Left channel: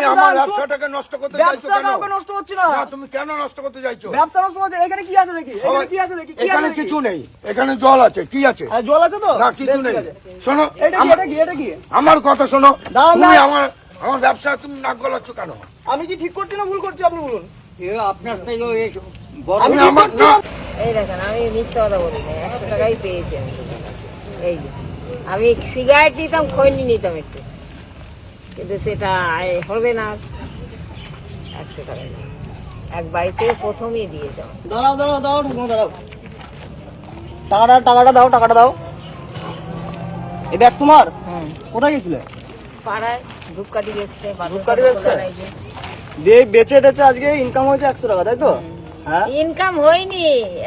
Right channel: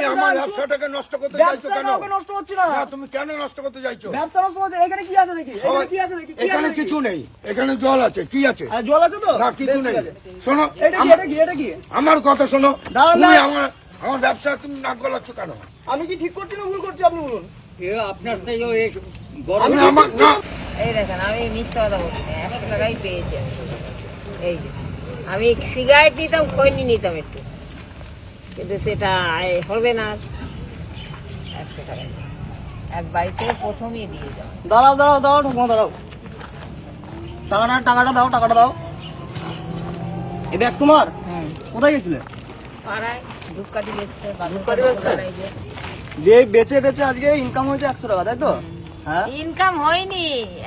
তুমি আমার ব্যবসাটাকে নষ্ট করতে চাইছো কেন? নষ্ট হচ্ছে না। তুমি কেন নষ্ট করতে চাইছো? ব্যবসা নষ্ট হচ্ছে। এখানে কি আছে দেখি, এখানে কি আছে দেখি। এখানে কিছু নেই, এখানে জল আছে। কি আছে? জল আছে তো? না, কিছু নেই। শোনো, এটা কি আমার কথা শোনো। তুমি না। আমার ব্যবসা তুমি নাক গলাচ্ছ কেন? আমি কি ঠিক করছি না ভুল করছি আপনি বলুন। আপনার থেকে এই দেখেন, আমি মিথ্যা কথা বলি না, 100 টাকাই পেয়েছি আমি। এই যে আমি সিগারেট নিতাম, খৈনি নিতাম একটু, কিন্তু সেটা হবে না। 100 টাকাই এক বাড়িতে প্রথমেই দিয়ে যাও। দাঁড়াও দাঁড়াও দাঁড়াও, ঠাকুমা দাঁড়াও। টাকাটা দাও, টাকাটা দাও। এই ব্যাগ তোমার? কোথায় গেছিলে? পাড়ায় ধূপকাঠি বেচতে। ধূপকাঠি বেচতে? দিয়ে বেচে টেচে আজকে ইনকাম হয়েছে 100 টাকা, তাই তো? হ্যাঁ, ইনকাম হয়নি,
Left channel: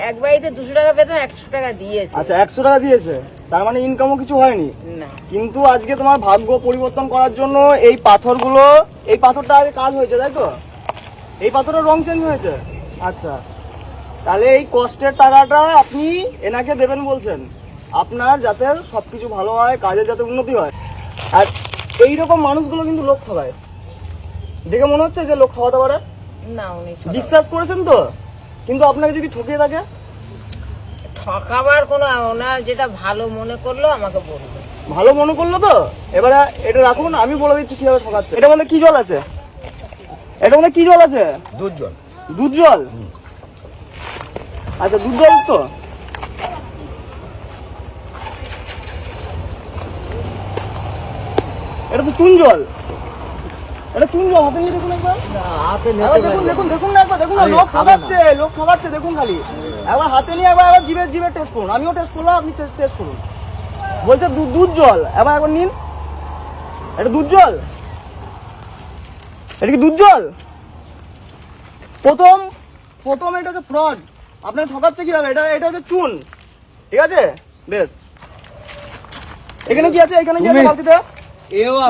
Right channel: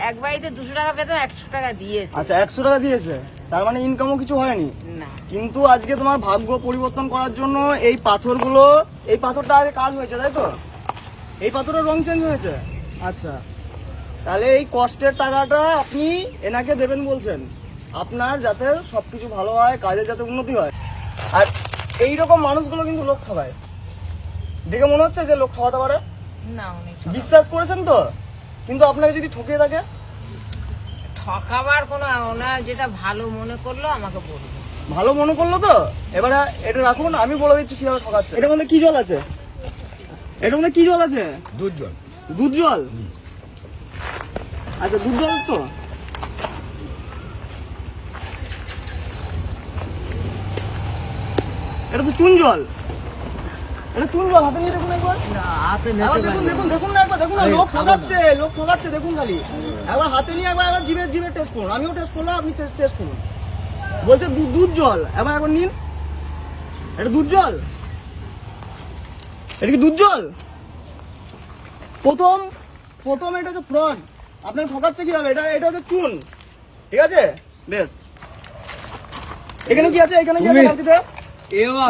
এক বাড়িতে 200 টাকা পেতাম, 100 টাকা দিয়েছে। আচ্ছা 100 টাকা দিয়েছে, তার মানে ইনকামও কিছু হয়নি না। কিন্তু আজকে তোমার ভাগ্য পরিবর্তন করার জন্য এই পাথরগুলো, এই পাথরটা আজ কাজ হয়েছে, তাই তো? এই পাথরের রং চেঞ্জ হয়েছে। আচ্ছা, তাহলে এই কষ্টের টাকাটা আপনি এনাকে দেবেন বলছেন, আপনার যাতে সবকিছু ভালো হয়, কাজের যাতে উন্নতি হয়। আর এইরকম মানুষগুলো কিন্তু লোক ঠকায়, দেখে মনে হচ্ছে যে লোক ঠকাতে পারে। না, উনি বিশ্বাস করেছেন তো, কিন্তু আপনাকে যদি ঠকিয়ে থাকে? ঠকাবার কোনো, ওনার যেটা ভালো মনে করলো আমাকে বলবে। ভালো মনে করলো তো, এবারে এটা রাখুন, আমি বলে দিচ্ছি কিভাবে ঠকাচ্ছে। এটা মধ্যে কি জল আছে? এটা মধ্যে কি জল আছে? দুধ জল। দুধ জল? আচ্ছা, দুধ জল তো। এটা তো চুন জল। এটা চুন জল, হাতে নিয়ে দেখুন একবার। দেখুন দেখুন দেখুন না একবার, দেখুন না, লোক ঠকাচ্ছে, লোক ঠকাচ্ছে, দেখুন খালি। একবার হাতে নিয়ে একবার জিভে টেস্ট করুন। আমিও টেস্ট করলাম, আপনি টেস্ট করুন। বলছে দুধ জল, একবার নিন। এটা দুধ জল? এটা কি দুধ জল? প্রথম এটা হচ্ছে ফ্রড, আপনার ঠকাচ্ছে কিভাবে। এটা হচ্ছে চুন, ঠিক আছে? বেশ, এখানে কি আছে? এখানে কি আছে বালতিতে?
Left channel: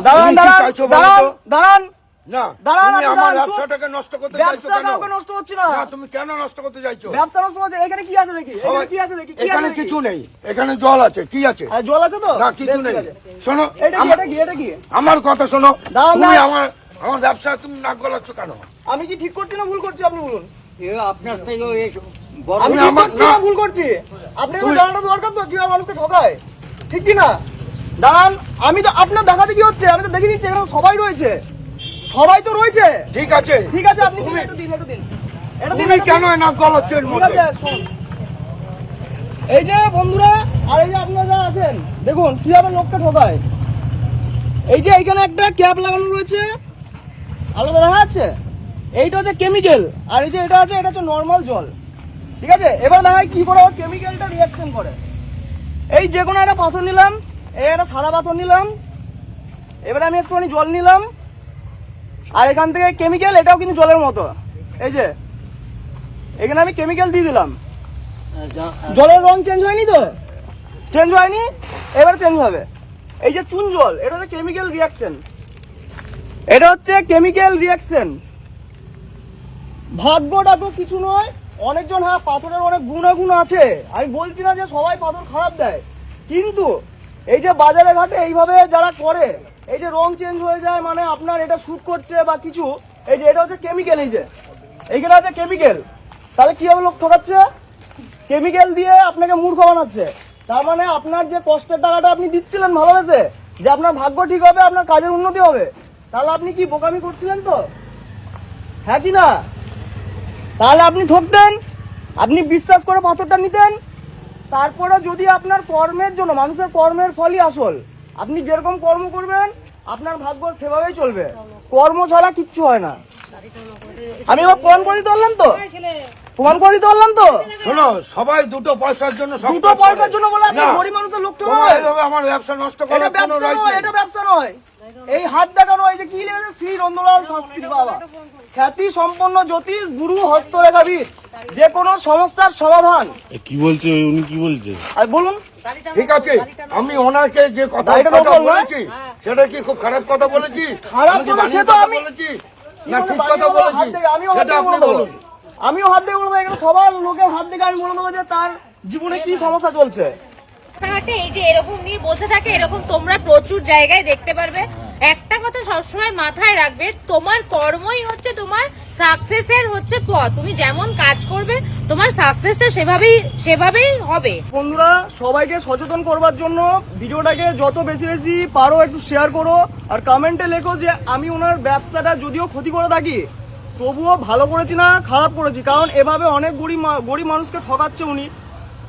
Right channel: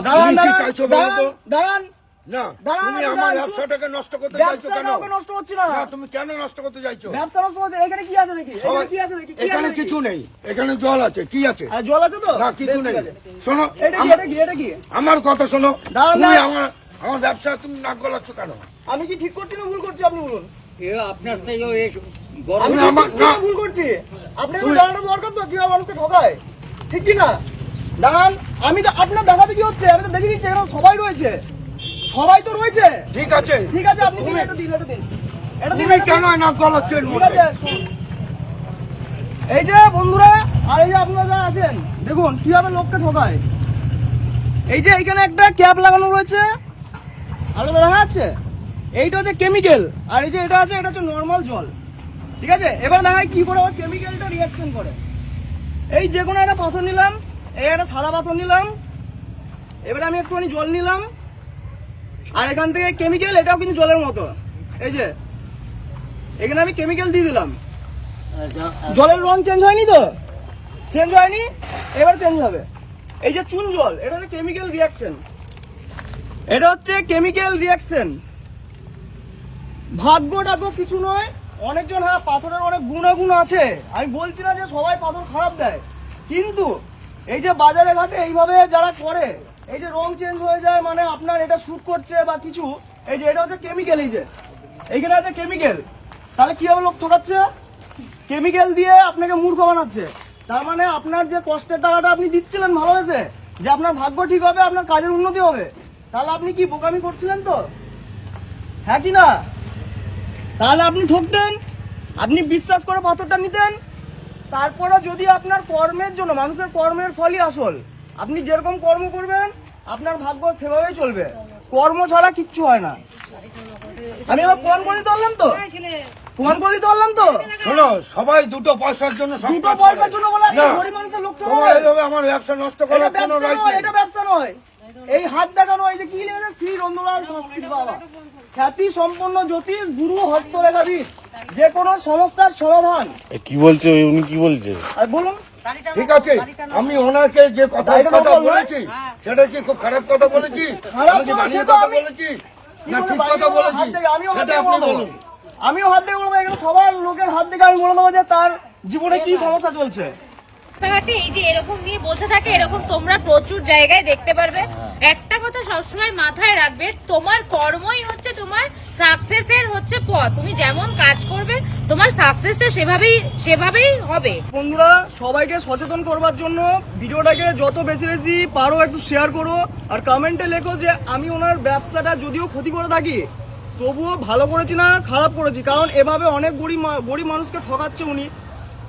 দাঁড়ান দাঁড়ান দাঁড়ান না, দাঁড়ান, তুমি আমার ব্যবসাটাকে নষ্ট করতে চাইছো কেন? ব্যবসা নষ্ট হচ্ছে না। তুমি কেন নষ্ট করতে চাইছো? ব্যবসা নষ্ট হচ্ছে। এখানে কি আছে দেখি, এখানে কি আছে দেখি। এখানে কিছু নেই, এখানে জল আছে। কি আছে? জল আছে তো? না, কিছু নেই। শোনো, এটা কি? আমার কথা শোনো। দাঁড়ান, তুমি আমার ব্যবসা তুমি নাক গলাচ্ছ কেন? আমি কি ঠিক করছি না ভুল করছি আপনি বলুন। আপনার থেকে আমি ঠিক করছি না ভুল করছি? আপনি তো জানাটা দরকার তো কিভাবে মানুষকে ঠকায়, ঠিক কি না? দাঁড়ান, আমি তো আপনার দেখাতে কি হচ্ছে, আমি তো দেখে দিচ্ছি, এখানে সবাই রয়েছে, সবাই তো রয়েছে। ঠিক আছে, ঠিক আছে, আপনি দিন, এটা দিন, এটা দিন, এটা দিন। তুমি কেন নাক গলাচ্ছ এর ঠিক মধ্যে? আছে, শোন। এই যে বন্ধুরা, আর এই যে আপনারা যারা আছেন, দেখুন কিভাবে লোককে ঠকায়। এই যে এখানে একটা ক্যাপ লাগানো রয়েছে, আলাদা দেখা যাচ্ছে। এইটা হচ্ছে কেমিক্যাল, আর এই যে এটা আছে, এটা হচ্ছে নর্মাল জল, ঠিক আছে? এবার দেখায় কি করে ওর কেমিক্যালটা রিয়াকশন করে। এই যে কোনো একটা পাথর নিলাম, এই একটা সাদা পাথর নিলাম, এবারে আমি একটুখানি জল নিলাম, আর এখান থেকে কেমিক্যাল, এটাও কিন্তু জলের মতো। এই যে এখানে আমি কেমিক্যাল দিয়ে দিলাম, জলের রং চেঞ্জ হয়নি তো? চেঞ্জ হয়নি, এবার চেঞ্জ হবে। এই যে চুন জল, এটা হচ্ছে কেমিক্যাল রিয়াকশন, এটা হচ্ছে কেমিক্যাল রিয়াকশন। ভাগ্যটা তো কিছু নয়, অনেকজন, হ্যাঁ পাথরের অনেক গুণাগুণ আছে, আমি বলছি না যে সবাই পাথর খারাপ দেয়, কিন্তু এই যে বাজারে ঘাটে এইভাবে যারা করে, এই যে রং চেঞ্জ হয়ে যায়, মানে আপনার এটা শুট করছে বা কিছু, এই যে এটা হচ্ছে কেমিক্যাল, এই যে এইখানে আছে কেমিক্যাল, তাহলে কিভাবে লোক ঠকাচ্ছে? কেমিক্যাল দিয়ে আপনাকে মূর্খ বানাচ্ছে। তার মানে আপনার যে কষ্টের টাকাটা আপনি দিচ্ছিলেন ভালোবেসে, যে আপনার ভাগ্য ঠিক হবে, আপনার কাজের উন্নতি হবে, তাহলে আপনি কি বোকামি করছিলেন তো, হ্যাঁ কি না? তাহলে আপনি ঠকতেন, আপনি বিশ্বাস করে পাথরটা নিতেন। তারপরে যদি আপনার কর্মের জন্য, মানুষের কর্মের ফলই আসল, আপনি যেরকম কর্ম করবেন আপনার ভাগ্য সেভাবেই চলবে, কর্ম ছাড়া কিচ্ছু হয় না। আমি এবার প্রমাণ করে দিতে পারলাম তো, প্রমাণ করে দিতে পারলাম তো। শোনো, সবাই দুটো পয়সার জন্য সব দুটো কাজ করে। পয়সার জন্য বলে আপনি না, গরিব মানুষের লোক তোমার ঠকাবেন? এইভাবে আমার ব্যবসা নষ্ট করার এটা কোনো ব্যবসা রাইট নয়, নেই। এটা ব্যবসা নয়। এই হাত দেখানো, এই যে কি লেগেছে, শ্রী নন্দলাল শাস্ত্রী বাবা, খ্যাতি সম্পন্ন জ্যোতিষ গুরু, হস্তরেখাবিদ, যে কোনো সমস্যার সমাধান। কি বলছে উনি, কি বলছে? আর বলুন, ঠিক আছে, আমি ওনাকে যে কথা বলেছি, সেটা কি খুব খারাপ কথা বলেছি? খারাপ আমি কি বলেছি বানিয়ে তো কথা আমি- বলেছি না ঠিক কথা বলেছি? সেটা আপনি বলুন। আমিও হাত দিয়ে বলবো, এখানে সবার লোকের হাত থেকে আমি বলে দেবো যে তার জীবনে কি সমস্যা চলছে। রাস্তাঘাটে এই যে এরকম নিয়ে বসে থাকে, এরকম তোমরা প্রচুর জায়গায় দেখতে পারবে। একটা একটা কথা সবসময় মাথায় রাখবে, তোমার কর্মই হচ্ছে তোমার সাকসেসের হচ্ছে পথ। তুমি যেমন কাজ করবে তোমার সাকসেসটা সেভাবেই হবে। বন্ধুরা, সবাইকে সচেতন করবার জন্য ভিডিওটাকে যত বেশি বেশি পারো একটু শেয়ার করো, আর কমেন্টে লেখো যে আমি ওনার ব্যবসাটা যদিও ক্ষতি করে থাকি তবুও ভালো করেছি না খারাপ করেছি, কারণ এভাবে অনেক গরিব মানুষকে ঠকাচ্ছে উনি।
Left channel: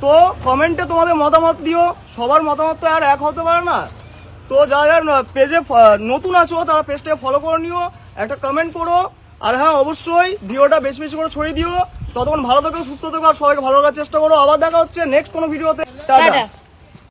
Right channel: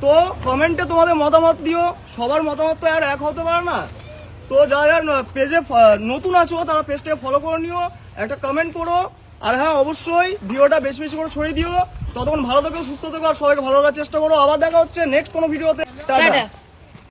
তো কমেন্টে তোমাদের মতামত দিও, সবার মতামত তো আর এক হতে পারে না। তো যারা যারা পেজে নতুন আছো তারা পেজটাকে ফলো করে নিও, একটা কমেন্ট করো, আর হ্যাঁ অবশ্যই ভিডিওটা বেশি বেশি করে ছড়িয়ে দিও। ততক্ষণ ভালো থেকো, সুস্থ থেকো, আর সবাইকে ভালো রাখার চেষ্টা করো। আবার দেখা হচ্ছে নেক্সট কোনো ভিডিওতে। টাটা।